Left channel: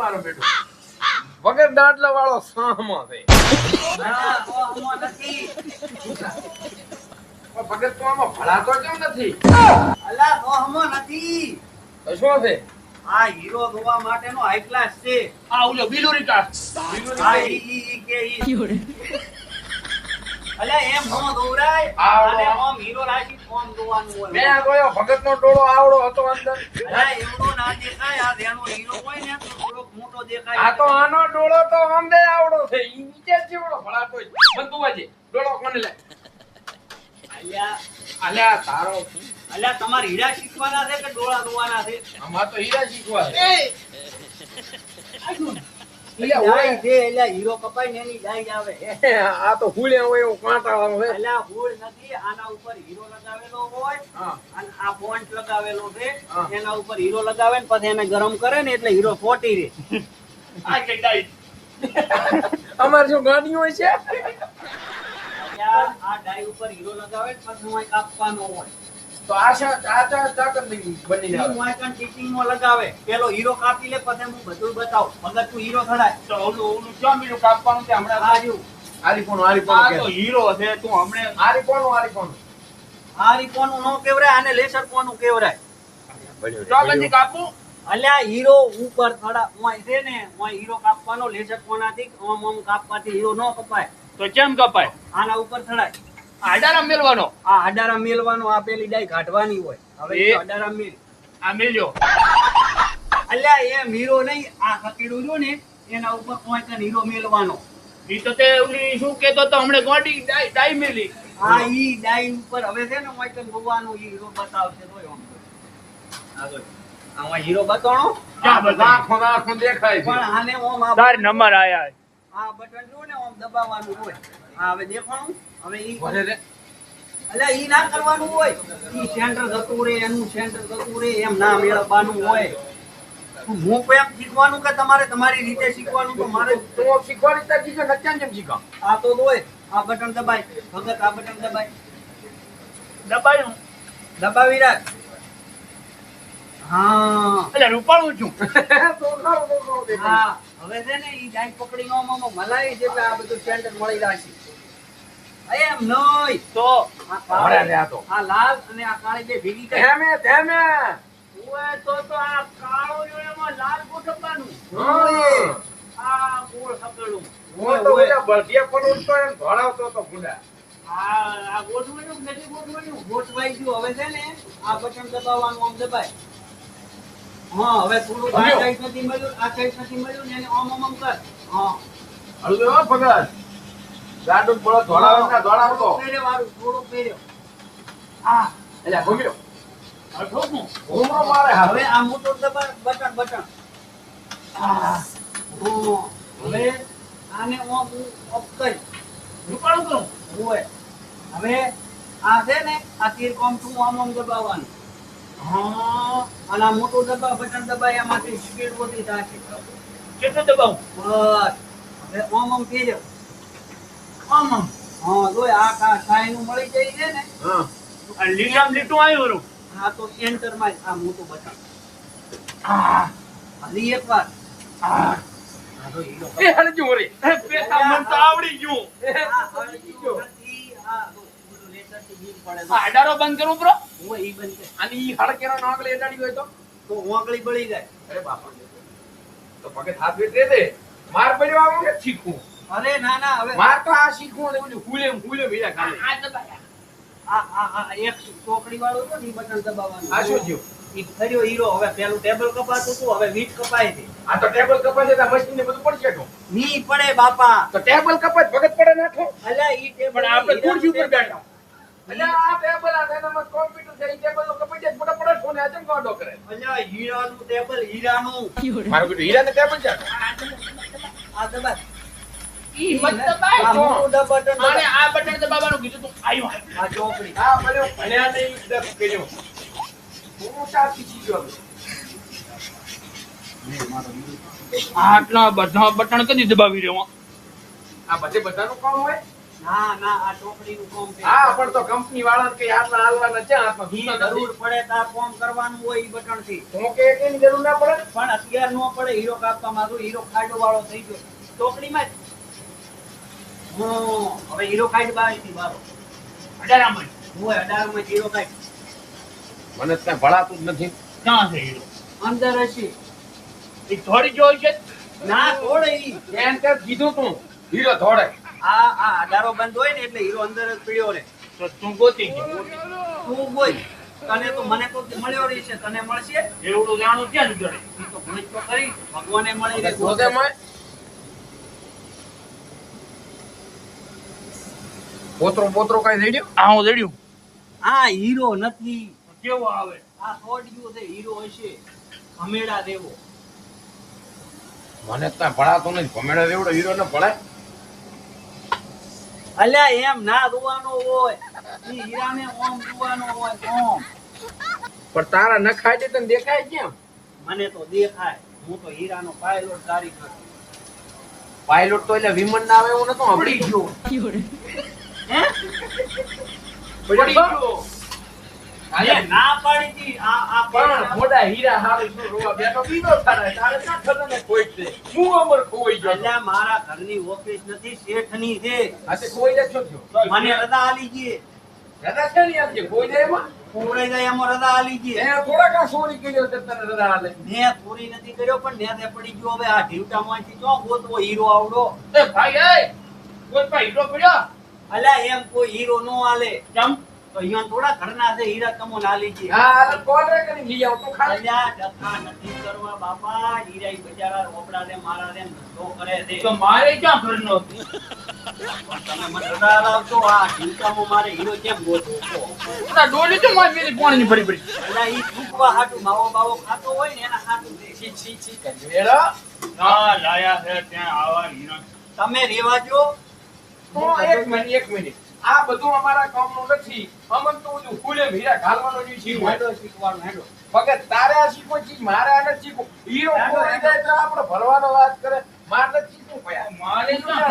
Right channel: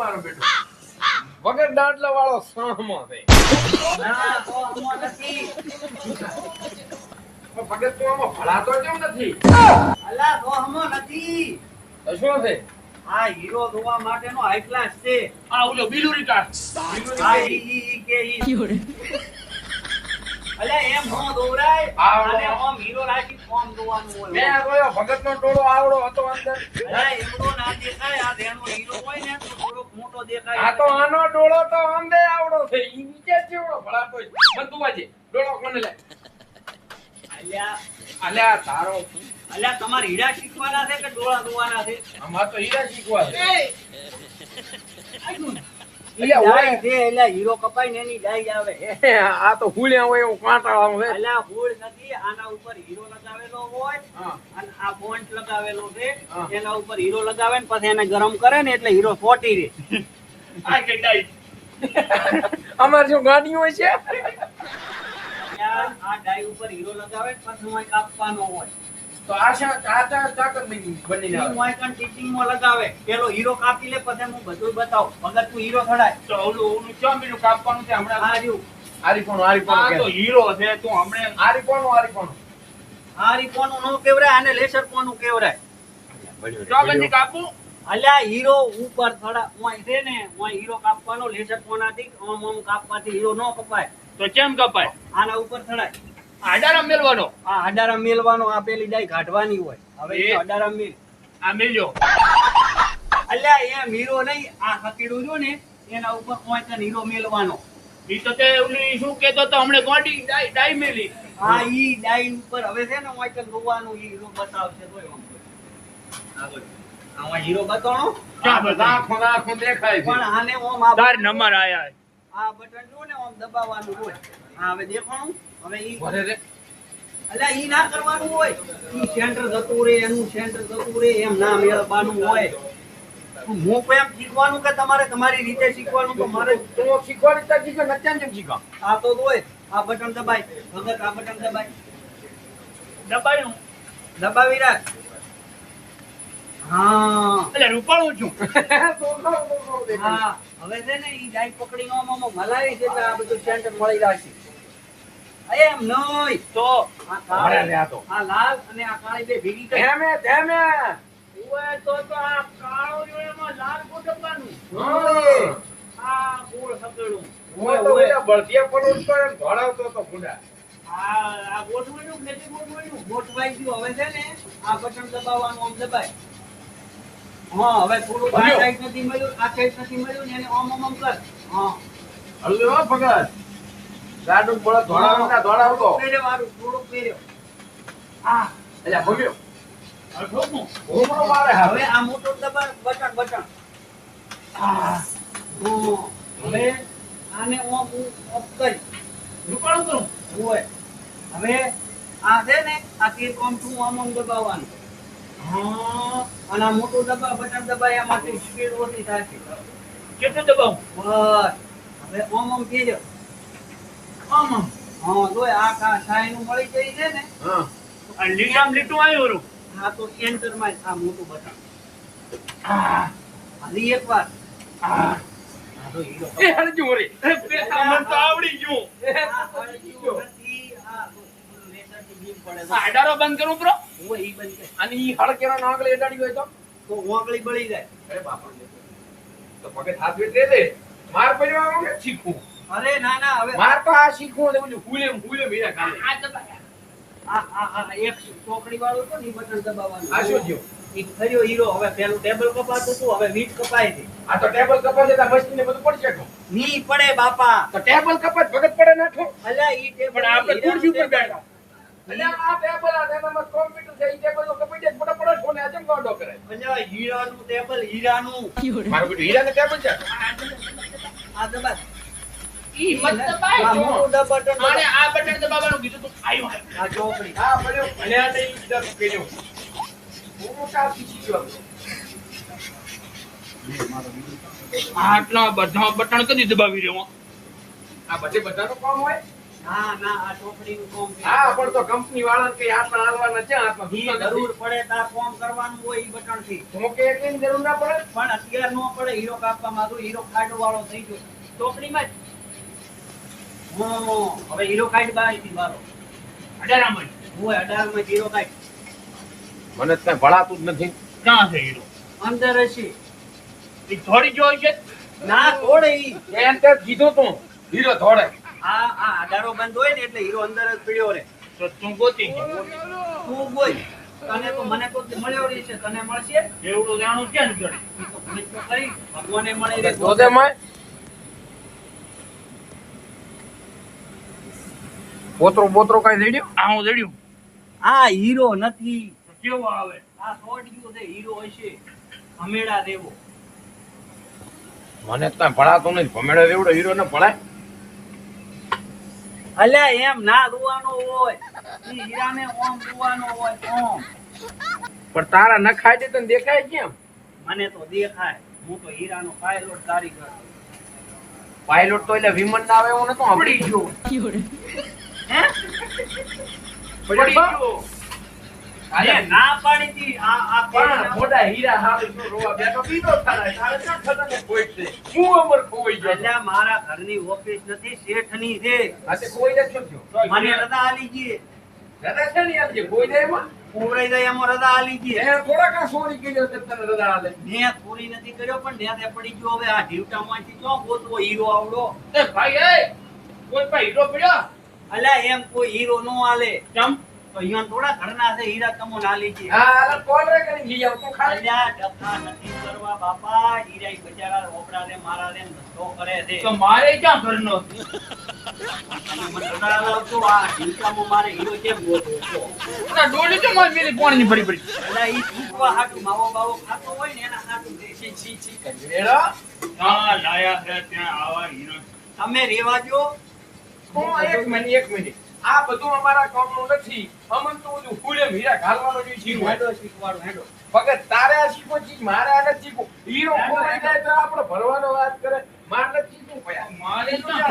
મારો બેટો વગર દાંડલા વાળો સામો છે ના તો અમો નથી. પણ ભગત તો આમાં ભળાતો કેમ નથી અલા તો અમો નથી. તો શું છે આ હીરો ધોવા માટેનો હાઈ ક્લાસ છે. આ ઓલો બિલુરી કાઢ હા ઈ કે ઈ. અલે એમ નો દોરાય. આ અને ઓમ હીરો રાખી ફોન દોવાનું હોય. મેં ગયો ભગતનો ટોળો આવડો હતો અંદર અલા એમનો ના દેખાય. આ ધ્યાનનો હીરો હોય ને તો થોડોક મોટો દેખાય. આ તો આનો ડોળો તો આંબે આવડો છે ઈ નીચે જેવડો ભળાતો છે બંધુ વાજે ડોળો કોને લે અલ્યા અલ્યા તારો અલ્યા તમારે હીરા શીખવાના છે કે ડોળા ધોવાના છે? આમાં તો હીરા શીખવા છે ડાઈ છે એટલે હીરો કપાઈ ને એની ડાઈ આવે. આ તો ફૂલ્યા હોય એવું કાંટાળું છે અલ્યા ફૂલ નથી. આના ઉપર હીરો લગાવેલો હોય હા અને આ ફોન્ટ લગાવેલો છે. હા. એના ઉપર હીરો લગાવે ને પછી એને ગરમ કરે ને એટલે હીરો ફોટી રહે. આ કે ડાઈ અમાર શું ગાડી હોય છે આ ડાઈ ઉપર હીરો લગાવે ને પછી હું કાપવાનો હોય. તો આશા ચાચા ચાકર બનીને ઈ આવે મોયકન ટીચિંગમાં લગાવે. પેલો હીરો કાપી લે પછી હું બધું બતાવું. ભગત તું હીરો થડાય. તો ઓલું કેમ બીનું કાપવાનું છે હમણાં આ રહ્યું. આરીફોનું આ તો હીરો છે તું હમણે આરીફોનું હારી કોનું નો કેવરાય આને લેસર કોનું કેવરાય. ચોગંદી કાપું અલ્યા હીરો ઉપર થડા ઓય છે ને ઓય હીરો કાપવાનો લેસર કોનાથી ઓમ ઓમ કાપવાથી હીરો નો કપાય. તો કેમ કપાય? આના ઉપર થડાય. આડારા મેલવાનો આ અડારા મેલવાનો. આ પેલી ડાઈ કાઢવાની હોય. હવે એ? અડારા મેલ. આ મેલ્યો અલ્યા એમ હીરો નહીં. આ હકેડું જો ને એના ઉપર કોઈ હીરો મેલવાનો. ઈ તો તે ઓલી શું કેતો તો હમણે ગોડી ડાઈ મેલી આ ઈ ડાઈ ઉપર હવે છે ને ઓય કન ભગવાનું ઈ હીરો બતાવશે તોય આમ આગળ આ ઓય હીરો બતાવણો. આ બધા આંખો દેખાય છે પણ આને ઓમ આ તાર નંબર આયા આ બટન જો ને ઓમ દબાવવાનું હોય. આ હવે દેખાણું. હવે ઈ વધે રે. અલ્યા ઈ ના કરવાનું હોય. ઈ સેન્ટર જતું રે એનું સેન્ટર જતું રે એમ ના મેળવવાનું હોય. હું કોઈ એમ શીખવાનું કે તમારે તમારી રીતે શીખવાનું તો મારે તો શીખવાડી તા કીધું નત્યાન જેમ શીખા આ તો હોય. આ બટન દબાય ભગત આ બટન દબાય દબાયું દબાવી રાખ. હા એટલે રૂપાળું છું તો દેખાય હા હવે છે ને ઈ ડાઈ પકડીને ઓમ ઓમ મલાવી દે આ બધું સેન્ટર મળી રાખી. એમ નહીં તો આ ભરે કાળી રે આ તો આ લાલ અને આ કાળી બે ભેગી કરી. ધેમે ઓય તો આ કાળો જો એમાં લાલ ગોઠવવાનું. હા. આ ગોળ સકેડું. હું તો ઓલા બળદિયા પર ઉડતો ને ભણાવતો તો ગુંડા આ ગોઠવણું કે નથી ગોઠવણું? ગોઠવાઈ ગયું. હવે છે ને આ બટન દબાવવાનું આમ દબાય. હા હવે થોડું આ ભર્યો. સાઈડ નથી મળ્યું આ સાઈડ નથી મળ્યું ને એને આમ આમ આમ કર. હા હળવે હો ભગત ગાડું બળદ ધોળાવતો પેર્યો વાળું થોડુંક પેર્યો. આ એટલે ભૂમ્યો ઠોકું ઘૂમરો મારે હવે હવે આ મોટો દબાવ બટન બટન. હા હવે આને ઓમ ઓફ કરી. રૂપાળું કરું હોય હવે આ છે ને આ તીર કોમ ટુ આમ આમ દબાવવાનું. હા અને આ મોટું દબાવ બટન દબાય એમાંથી સ્પીડ ઓછી થાય છે. કેટલું દબાવું બસ હવે ઓમ આમ ફેર્યો. આમ આમ હા જોય આ સાઈનું મળી જાય છે ને હા આ લીટામ લીટું આવ્યું રૂ આ તો એન્ટર માં આ મોટું બટન. હજી એક વાર આ તો હીરો. એ હળજુ રે મને તો આવડી ગયું આ હળજી નથી. આ તો પેલું લેસરથી બીમ પડે આ આડારો બંધ કરું બ્રો હોય ઈ બંધ કરે. અને ઈ હળકેરો નાગલે એડાડી હોય તો ઓગળી બળી જાય. અરે બાપા તો ભગત હાથ વેટ દે માર પડ્યો આવું કે શીખવું અરે ના ના હવે માર તો આ શીખવું ને બધું ફૂલે મીરા ખાલે આ દબાયા આ એક ચોકડી વાળું તો ઈ બટન દબાવવાનું. આ શું થયું ઈ ખર્યો હીરો. હવે પેલું ટેબલ કપાતું હતું હવે વીટ કપાય છે. આ તો ટેબલ કપાસે તો મશીન ને બધું પડશે તો ની પડે બાપા. ટેબલ કપાસ ભગત પડે નાખો અલ્યા ઈ ટેબલ પણ આપણે ખુરશી ઉપર બેઠા એટલે આ ટેબલ આ તેનામાં કોમ્પ્યુટર છે ઈ ટેબલ નો કપાઈ જાય મોટા પડે ફોન આ ચમ ગોડો કરે અલ્યા હીરાનું ટેબલ હીરાનું. મારું બેટું હીરા ને ટેબલ છે આ દબાય. ઈ મત દબાય આ જો મોટું બટન આને દબાય. આ બટન દબાવવાનું કીધું તું આવ્યું આ ચોકડી. આ પડ્યો ભણ્યા તે દસ કેજો હું કા શીખી ગયો આટલા બધા બટન કદી દબાવી રહ્યો આ બધે બધાનું કામ હોય ના ના આ ચોકડીનું કામ છે. હા પણ તો કંપની વાળાને કઈ હાથમાં હાલવાના છે હાથમાં ઈ જરૂર પડે તાર કામ કરવાનું હોય ઈ બટન થી. હું કે એકની જરૂર ના પડે પણ અત્યાર નો પડે હીરો કાપવા માંગુ હીરો ખાડો વાળો થઈ ગયો ચોકડીમાં જ હવે હીરો ખાડ બાઈ મારો 18 માં હોય 18 માં હીરો ખાડ મને કઈ ભળાતું જ નથી. ક્યાં છે હીરો? અંદર હશે એ થોડી જોઈ છે ના તોડે ઈ એમ તે કીધું તું હીરો ધોળે. આ અડારો બંધ હોય ને એટલે હીરો અંદર જ પડ્યો રહે તો તું ગોતી છે. તું બોલ તને તો મને તો મળ્યો રહી છે તને મળશે એવડું જાણું ક્યાં નીકળે? ઈ તો પૂછ તો ખરી ભગવાને મળી રહે ધોધેમાં પોતરું બોતરું કઈ જડ્યું? આ હું જડ્યું. આ હીરો નથી કેવો આવે? આ સોડિયો છે હીરો હશે અમેડા દેવો મને કઈ ભળાતું નથી. ભમેડે એવડો હીરો ને ભણાય? અલ્યા એમ ના દુવાનો હોય ઈ હીરાને ઓમ દુવાનો હોય ઓમ પણ તારા નખાય દે તને દેખાય કેમ? મને તો દેખાય હું તો હીરાનો પાયલોટ કારીગર પાયલોટ તો એટલે વિમાન ના આવે એવું નતું પડી સાંભળ્યું. ગયો. હે પડી ગયો. મેં ના પાડી હતી આ પણ મોટા હીરા હારે શું રોવા બેઠો બીજો થાય. તારે ક્યાં ખજાનો ખોઈ છે? હું અમર ખોવાઈ ગયો. અલ્યા મારા ઘરની ઓફિસ નથી શેઠની છે આ તે ખોઈ જ છો થયો. મને રજા આલી ગઈ રજા છે ને આજે ખોઈ જાય એમાં? પોવરાઈ જાય એમાં રજા આલી ગઈ એ થોડા કા સોની કર્યો છે તને રજા આલે. મેં પૂરી નથી કર્યો પણ નેતે પડી ગયો હવે આ ઢીવટામાંથી ચો ગોતવો હીરો આવડો એ ભાઈ એ કોઈ પાસે હીરો પડ્યો? અલ્યા એમ કોઈ હીરો નો આલે કેમ? તો અહીંયા થોડા ઘરના છે હીરા તમો નાલી છે હા આ કોલ રે કરી લઈ આવ તું ખાલી. અલ્યા ડખા નથી કરવા બાપા હીરા બજારા ઓપડા લે મારા લે ધંધો કરે છે તો મારે ક્યાં ઘરનો હતો? તમે મને રડા લાવશો આ ઢીવટામાં મારે હીરો કેમ ગોતવો છો આ ડોલી તો મારી મેલી પાણીની ભરી ભરી. અલ્યા ઈ ફૂકવા હાટુ માવો બાવો ખાતો હોય ને એના હાટુ છે છી છી છી કરી મેળા. હા લાયા છે ત્યાં આવા હીરો. તમે રેવા જો એક મિનિટ આ બધું અમારા કામનું નથી. અમન તો બધું ફૂલે હીરા ઘાલવાનો જ છે. હેડો શીખવાડો હેડો ભગત તારે આ શીખવું છે મારે આ નથી શીખવું. હીરો ખોવાઈ જાય તો આપણે ભરવાનો વાત કરે. મારે નથી શીખવું ભયા. મારે ક્યાં